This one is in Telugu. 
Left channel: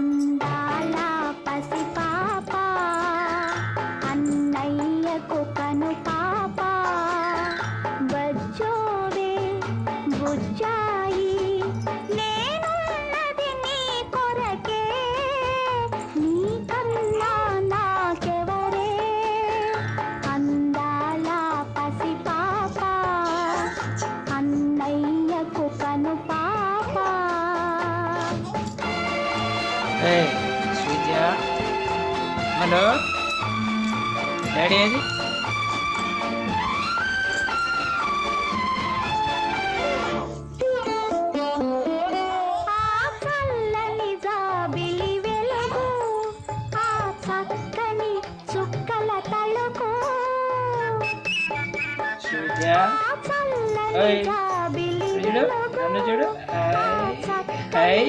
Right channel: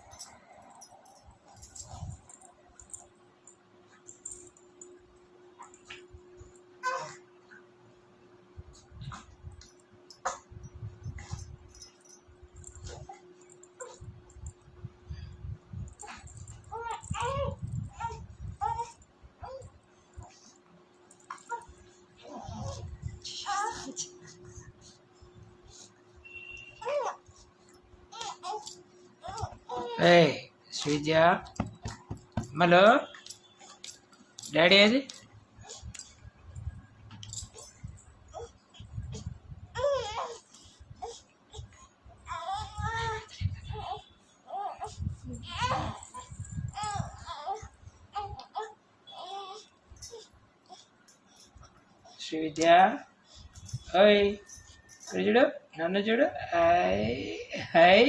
అందాల పసిపాప అన్నయ్యకు కను పాప బజ్జోవే బుజ్జాయి నేనున్నది నీ కొరకే నీకన్నా నాకెవరే అందాల పసిపాప అన్నయ్యకు కను పాప. Hey, Sweetya. Hello. Daddy ఏది? Sweetya. Hey. చూడు నన్ను చూడు. Hi hi